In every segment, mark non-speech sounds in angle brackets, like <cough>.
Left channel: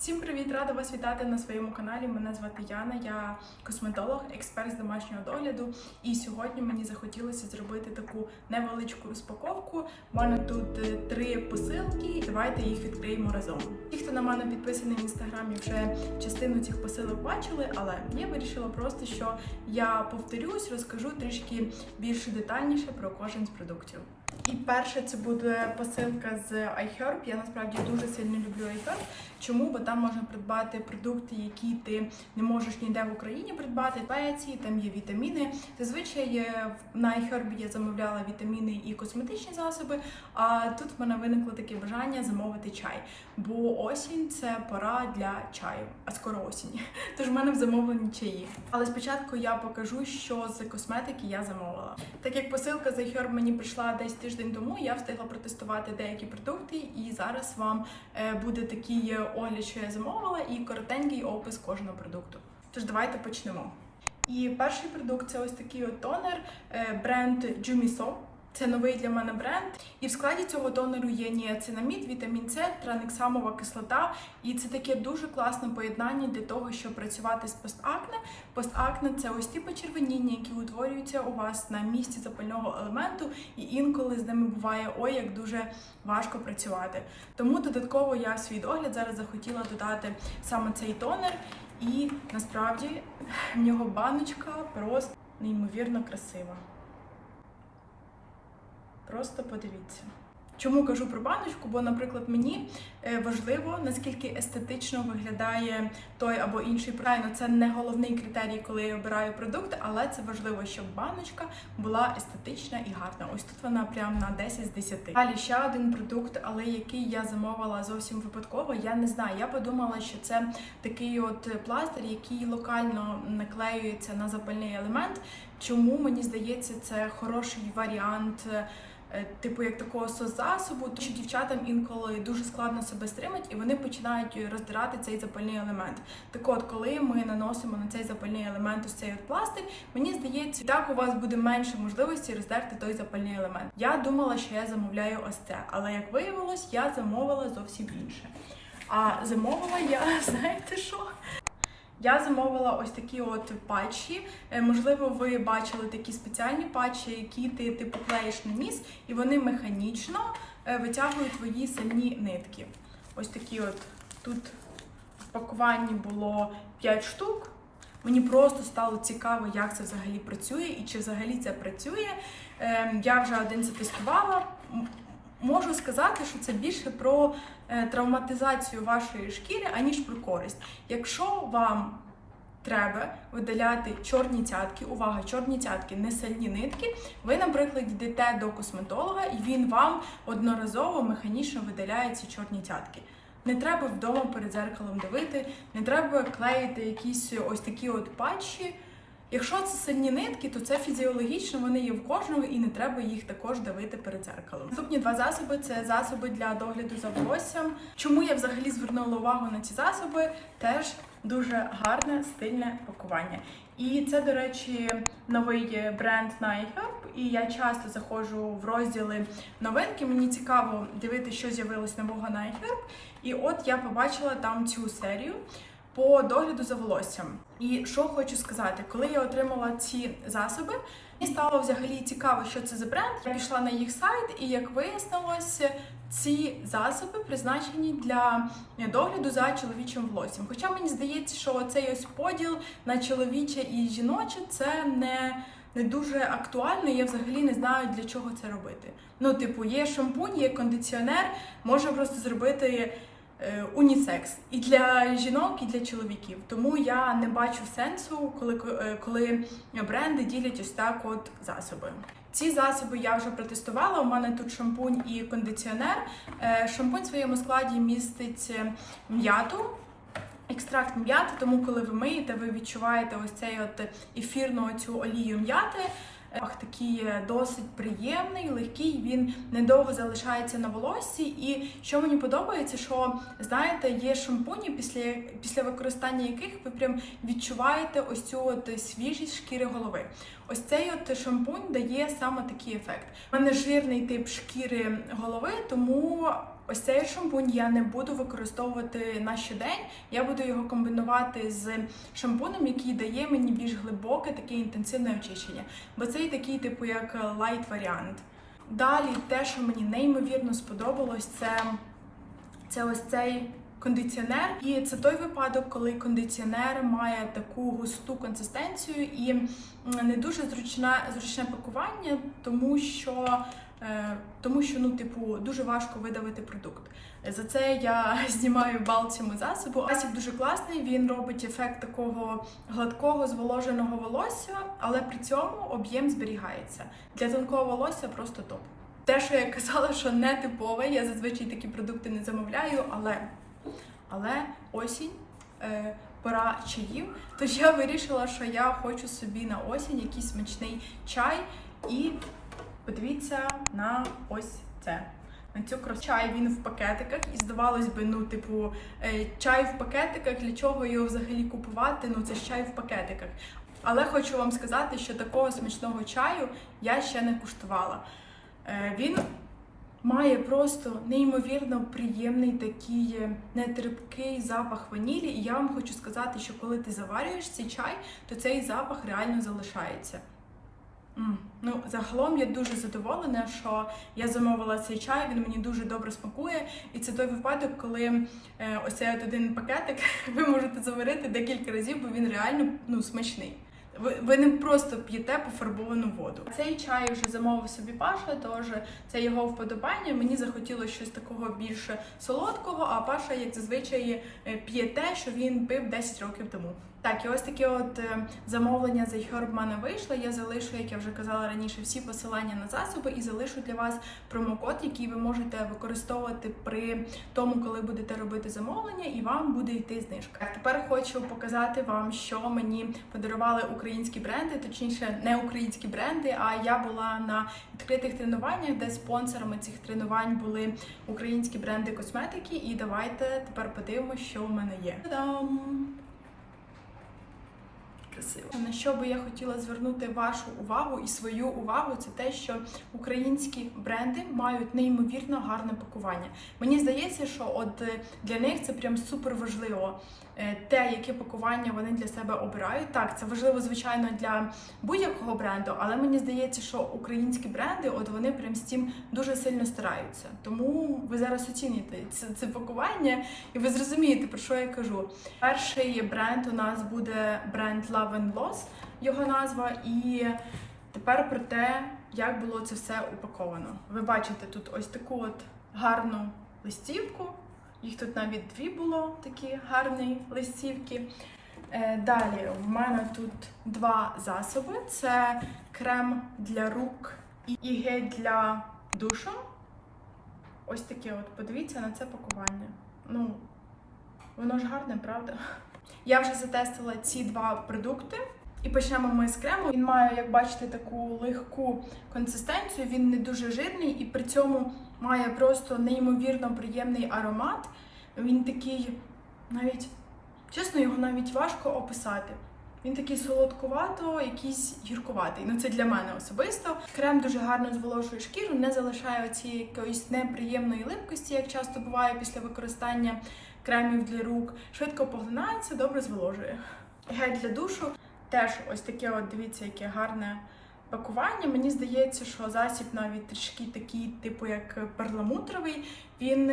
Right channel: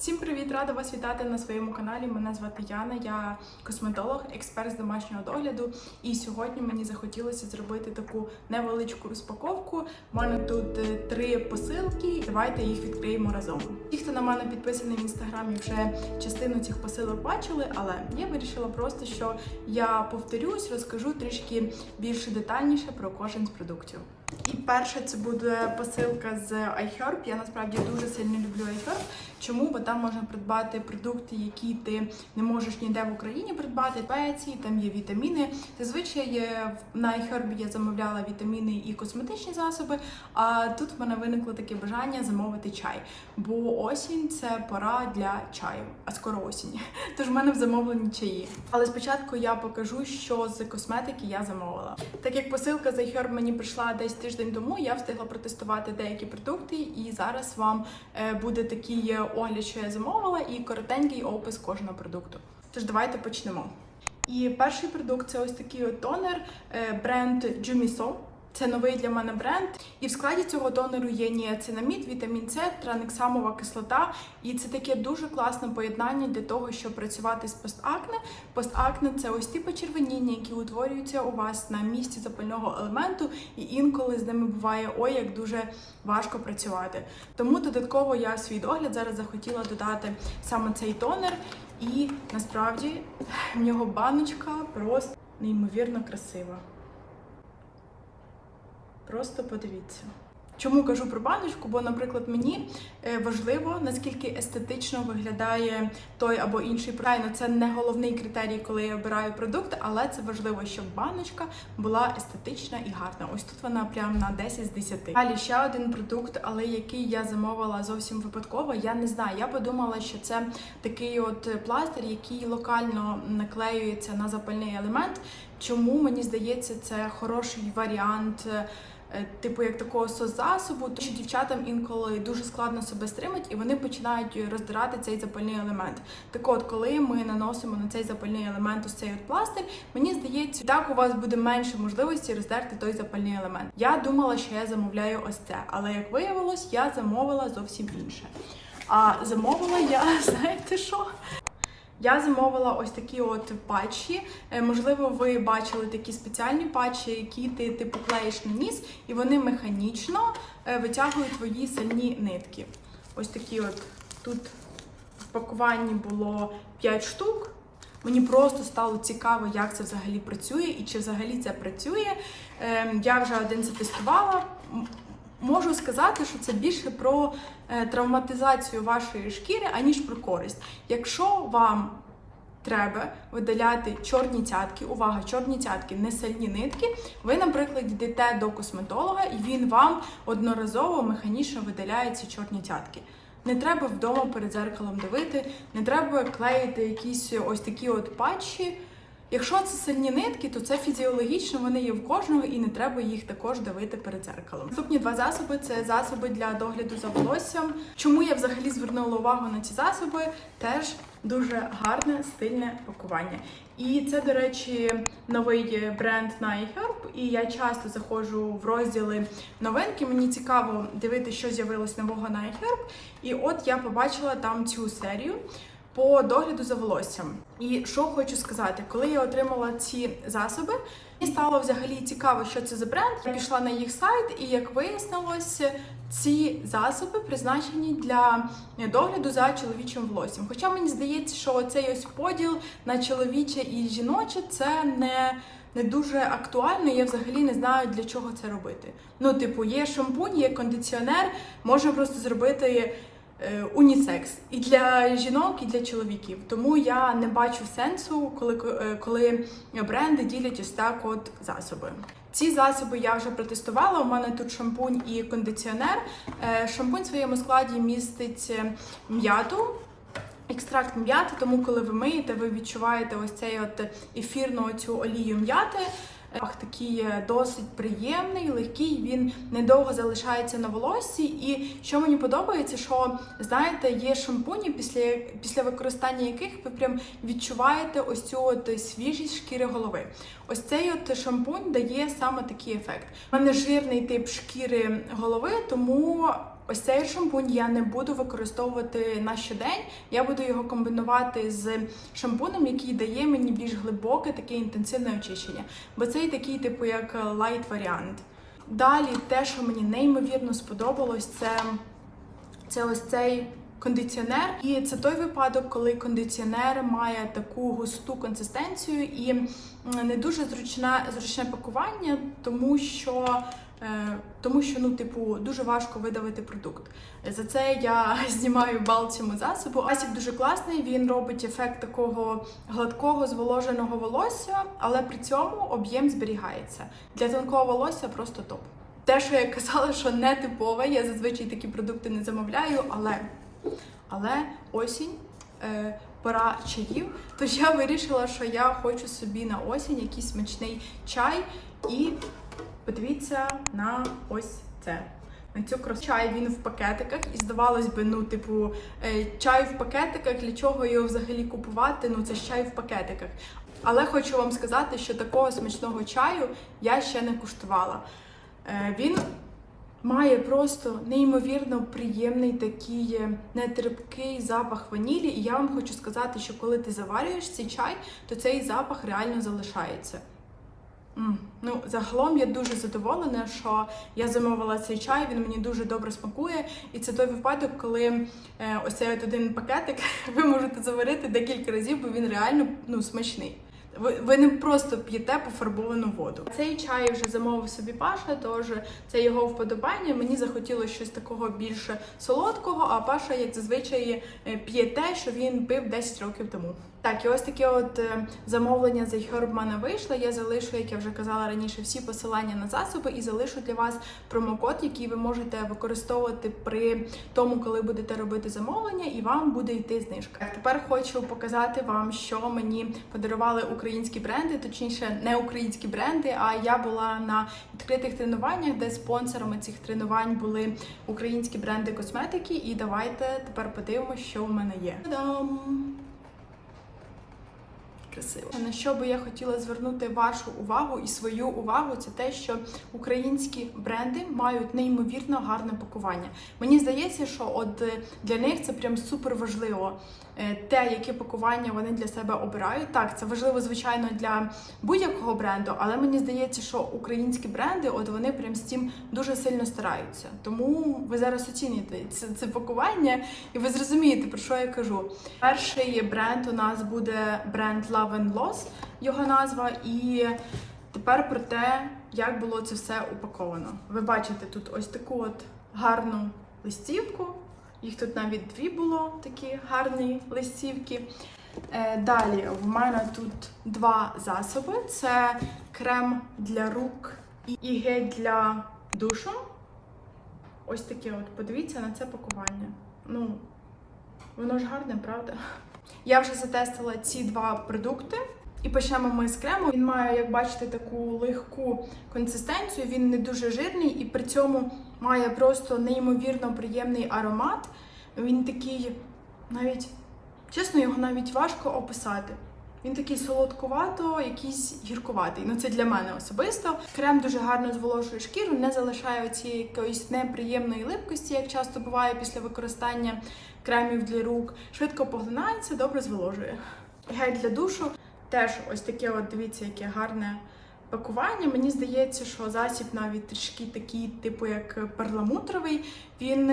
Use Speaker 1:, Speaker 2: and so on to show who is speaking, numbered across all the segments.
Speaker 1: Всім привіт! Рада вас вітати на своєму каналі. Мене звати Яна, я косметолог, експерт з домашнього догляду. І сьогодні мені захотілося зробити таку невеличку розпаковку. У мене тут е, три посилки. Давайте їх відкриємо разом. Ті, хто на мене підписаний в інстаграмі, вже частину цих посилок бачили, але я вирішила просто, що я повторюсь, розкажу трішки більш детальніше про кожен з продуктів. І перше це буде посилка з iHerb. Я насправді дуже сильно люблю iHerb. Чому? Бо там можна придбати продукти, які ти не можеш ніде в Україні придбати, спеції, там є вітаміни. Зазвичай на iHerb я замовляла вітаміни і косметичні засоби. А тут в мене виникло таке бажання замовити чай. Бо осінь це пора для чаю, а скоро осінь. <laughs> Тож в мене в замовленні чаї. Але спочатку я покажу, що з косметики я замовила. Так як посилка з iHerb мені прийшла десь тиждень тому, я встигла протестувати деякі продукти, і зараз вам е, буде такий огляд, що я замовила, і коротенький опис кожного продукту. Тож давайте почнемо. І перший продукт це ось такий от тонер е, бренд Jumiso. Це новий для мене бренд, і в складі цього тонеру є ніацинамід, вітамін С, транексамова кислота, і це таке дуже класне поєднання для того, щоб працювати з постакне. Постакне це ось ті почервоніння, які утворюються у вас на місці запального елементу, і інколи з ними буває ой, як дуже важко працювати. Тому додатково я свій догляд зараз захотіла додати саме цей тонер, і насправді в нього баночка просто неймовірно красива. Просто подивіться. Чому кажу про баночку? Бо, наприклад, мені е, важливо, наскільки естетично виглядає той або інший продукт. Це не головний критерій, коли я обираю продукт, але це важливо, щоб баночка була естетична і гарна. Ось тут вона прям на 10 з 10. Далі ще один продукт, але який я замовила зовсім випадково. Я не знаю. Я подумала, що це такий от пластир, який локально наклеюється на запальний елемент. Чому мені здається, це хороший варіант. Е, Типу як такого соцзасобу, тому що дівчатам інколи дуже складно себе стримати, і вони починають роздирати цей запальний елемент. Так от, коли ми наносимо на цей запальний елемент ось цей от пластир, мені здається, так у вас буде менше можливості роздерти той запальний елемент. Я думала, що я замовляю ось це, але як виявилось, я замовила зовсім інше. А замовила я, <laughs> знаєте що? Я замовила ось такі от патчі. Е, Можливо, ви бачили такі спеціальні патчі, які ти типу клеїш на ніс, і вони механічно е, витягують твої сильні нитки. Ось такі от тут в пакуванні було 5 штук. Мені просто стало цікаво, як це взагалі працює і чи взагалі це працює. Ем, Я вже один затестувала. Можу сказати, що це більше про е, травматизацію вашої шкіри, аніж про користь. Якщо вам треба видаляти чорні цятки, увага, чорні цятки, не сильні нитки, ви, наприклад, йдете до косметолога, і він вам одноразово механічно видаляє ці чорні цятки. Не треба вдома перед зеркалом дивити, не треба клеїти якісь ось такі от патчі. Якщо це сильні нитки, то це фізіологічно, вони є в кожного і не треба їх також давити перед зеркалом. Наступні два засоби це засоби для догляду за волоссям. Чому я взагалі звернула увагу на ці засоби? Теж дуже гарне стильне пакування. І це, до речі, новий бренд на iHerb, і я часто заходжу в розділи новинки. Мені цікаво дивитися, що з'явилось нового на iHerb. І от я побачила там цю серію по догляду за волоссям. І що хочу сказати, коли я отримала ці засоби, мені стало взагалі цікаво, що це за бренд. Я пішла на їх сайт, і як вияснилось, ці засоби призначені для догляду за чоловічим волоссям. Хоча мені здається, що цей ось поділ на чоловіче і жіноче це не. Не дуже актуально, я взагалі не знаю для чого це робити. Ну, типу, є шампунь, є кондиціонер, можна просто зробити унісекс і для жінок, і для чоловіків. Тому я не бачу сенсу, коли, е, коли бренди ділять ось так от засоби. Ці засоби я вже протестувала. У мене тут шампунь і кондиціонер. Е, Шампунь в своєму складі містить е, м'яту. Екстракт м'яти, тому коли ви миєте, ви відчуваєте ось цей от ефірну цю олію м'яти. Пах такий досить приємний, легкий. Він недовго залишається на волоссі. І що мені подобається, що знаєте, є шампуні, після після використання яких ви прям відчуваєте ось цю от свіжість шкіри голови. Ось цей от шампунь дає саме такий ефект. У мене жирний тип шкіри голови, тому Ось цей шампунь я не буду використовувати на щодень. Я буду його комбінувати з шампунем, який дає мені більш глибоке, таке інтенсивне очищення. Бо цей такий, типу, як лайт варіант. Далі, те, що мені неймовірно сподобалось, це, це ось цей кондиціонер. І це той випадок, коли кондиціонер має таку густу консистенцію і не дуже зручне, зручне пакування, тому що. Е, Тому що ну, типу, дуже важко видавити продукт. За це я <laughs> знімаю бал цьому засобу. Засіб дуже класний. Він робить ефект такого гладкого зволоженого волосся, але при цьому об'єм зберігається. Для тонкого волосся просто топ. Те, що я казала, що не типове, я зазвичай такі продукти не замовляю, але, але осінь. Е, Пора чаїв, тож я вирішила, що я хочу собі на осінь якийсь смачний чай і Подивіться на ось це. На цю красу. Чай він в пакетиках, і здавалось би, ну, типу, е, чай в пакетиках, для чого його взагалі купувати? Ну, це ж чай в пакетиках. Але хочу вам сказати, що такого смачного чаю я ще не куштувала. Е, Він має просто неймовірно приємний такий е, нетерпкий запах ванілі. І я вам хочу сказати, що коли ти заварюєш цей чай, то цей запах реально залишається. М, Ну, загалом я дуже задоволена, що я замовила цей чай. Він мені дуже добре смакує. І це той випадок, коли е, ось цей от один пакетик <laughs> ви можете заварити декілька разів, бо він реально ну, смачний. Ви, ви не просто п'єте пофарбовану воду. Цей чай вже замовив собі Паша, тож це його вподобання. Мені захотілося щось такого більше солодкого, а Паша, як зазвичай, е, п'є те, що він пив 10 років тому. Так, і ось таке от е, замовлення за iHerb в мене вийшло. Я залишу, як я вже казала раніше, всі посилання на засоби і залишу для вас промокод, який ви можете використовувати при тому, коли будете робити замовлення, і вам буде йти знижка. Тепер хочу показати вам, що мені подарували українські бренди, точніше, не українські бренди. А я була на відкритих тренуваннях, де спонсорами цих тренувань були українські бренди косметики. І давайте тепер подивимося, що в мене є. Та-дам! Красиво. На що би я хотіла звернути вашу увагу і свою увагу, це те, що українські бренди мають неймовірно гарне пакування. Мені здається, що от е, для них це прям супер важливо. Е, Те, яке пакування вони для себе обирають. Так, це важливо, звичайно, для будь-якого бренду, але мені здається, що українські бренди, от вони прям з цим дуже сильно стараються. Тому ви зараз оціните це, це пакування, і ви зрозумієте, про що я кажу. Перший бренд у нас буде бренд Love and Loss, його назва. І тепер про те, як було це все упаковано. Ви бачите тут ось таку от гарну листівку. Їх тут навіть дві було такі гарні листівки. Е, Далі в мене тут два засоби: це крем для рук і гель для душу. Ось таке от, подивіться на це пакування. Ну, воно ж гарне, правда? Я вже затестила ці два продукти. І почнемо ми з крему. Він має, як бачите, таку легку консистенцію. Він не дуже жирний і при цьому має просто неймовірно приємний аромат. Він такий, навіть чесно, його навіть важко описати. Він такий солодкувато, якийсь гіркуватий. Ну це для мене особисто. Крем дуже гарно зволожує шкіру, не залишає цієї якоїсь неприємної липкості, як часто буває після використання кремів для рук. Швидко поглинається, добре зволожує. Гель для душу теж ось таке, от дивіться, яке гарне пакування. Мені здається, що засіб навіть трішки такий, типу як перламутровий. Він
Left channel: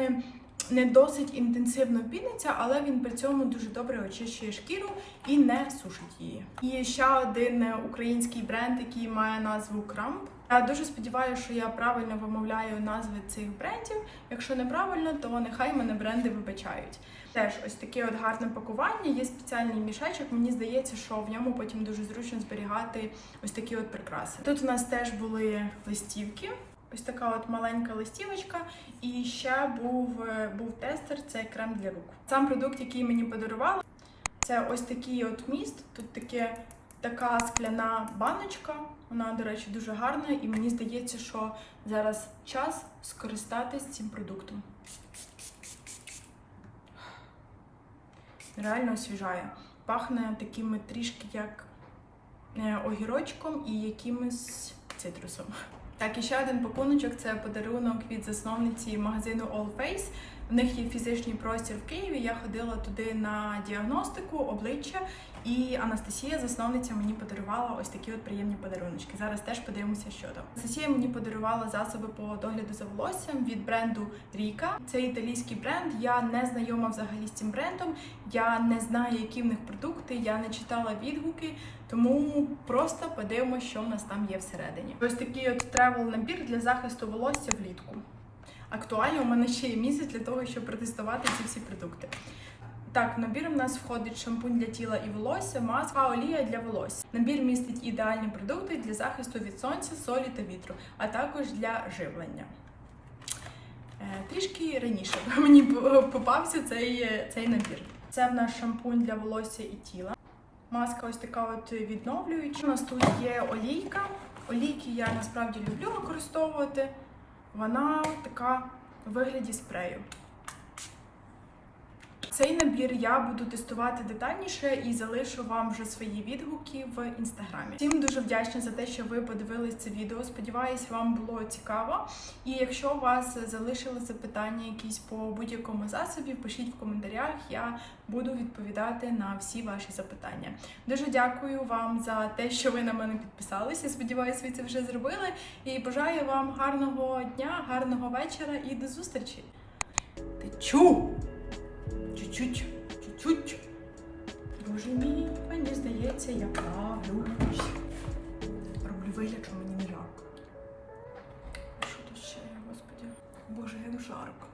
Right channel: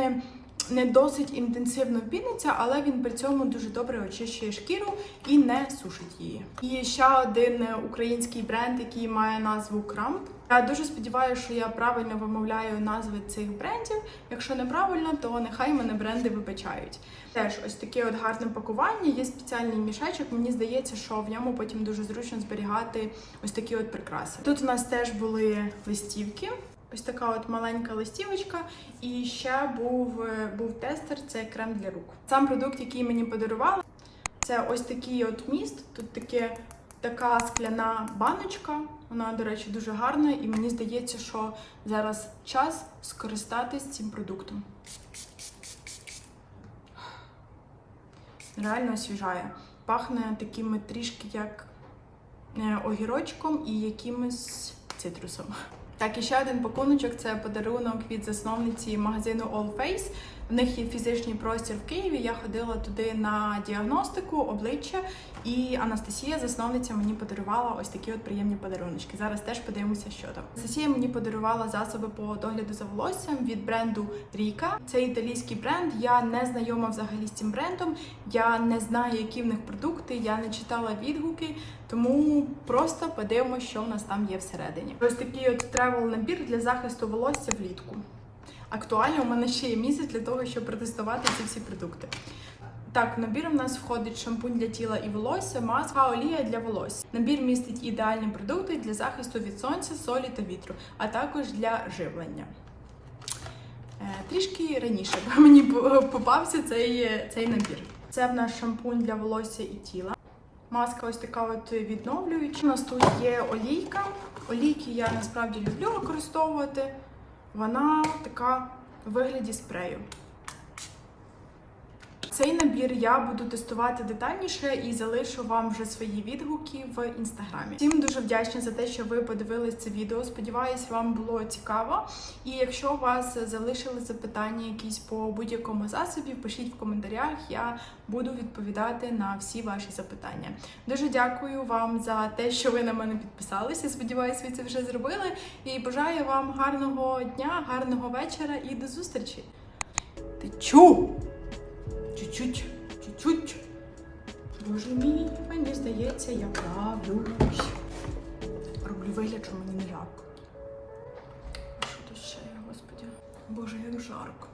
Speaker 1: не- досить інтенсивно піниться, але він при цьому дуже добре очищує шкіру і не сушить її. І ще один український бренд, який має назву Крамп. Я дуже сподіваюся, що я правильно вимовляю назви цих брендів. Якщо неправильно, то нехай мене бренди вибачають. Теж ось таке от гарне пакування. Є спеціальний мішечок. Мені здається, що в ньому потім дуже зручно зберігати ось такі от прикраси. Тут у нас теж були листівки. Ось така от маленька листівочка, і ще був, е, був тестер, це крем для рук. Сам продукт, який мені подарували, це ось такий от міст. Тут таке така скляна баночка. Вона, до речі, дуже гарна, і мені здається, що зараз час скористатись цим продуктом. Реально освіжає. Пахне такими трішки як е, огірочком і якимось цитрусом. Так, і ще один пакуночок це подарунок від засновниці магазину All Face. В них є фізичний простір в Києві. Я ходила туди на діагностику обличчя, і Анастасія, засновниця, мені подарувала ось такі от приємні подаруночки. Зараз теж подивимося, що там. Анастасія мені подарувала засоби по догляду за волоссям від бренду Ріка. Це італійський бренд. Я не знайома взагалі з цим брендом. Я не знаю, які в них продукти. Я не читала відгуки. Тому просто подивимося, що в нас там є всередині. Ось такий от тревел набір для захисту волосся влітку. Актуально, у мене ще є місяць для того, щоб протестувати ці всі продукти. Так, в набір у нас входить шампунь для тіла і волосся, маска, олія для волосся. Набір містить ідеальні продукти для захисту від сонця, солі та вітру, а також для живлення. Е, Трішки раніше <laughs> мені попався цей, цей набір. Це в нас шампунь для волосся і тіла. Маска ось така от відновлююча. У нас тут є олійка. Олійки я насправді люблю використовувати. Вона така в вигляді спрею. Цей набір я буду тестувати детальніше і залишу вам вже свої відгуки в інстаграмі. Всім дуже вдячна за те, що ви подивились це відео. Сподіваюсь, вам було цікаво. І якщо у вас залишили запитання якісь по будь-якому засобі, пишіть в коментарях. Я буду відповідати на всі ваші запитання. Дуже дякую вам за те, що ви на мене підписалися. Сподіваюсь, ви це вже зробили. І бажаю вам гарного дня, гарного вечора і до зустрічі. Ти чу! Чуть-чуть, чуть-чуть. Боже мій, мені здається, я правлюсь. Роблю вигляд, що мені не жарко. Що тут ще є, господи? Боже, як жарко.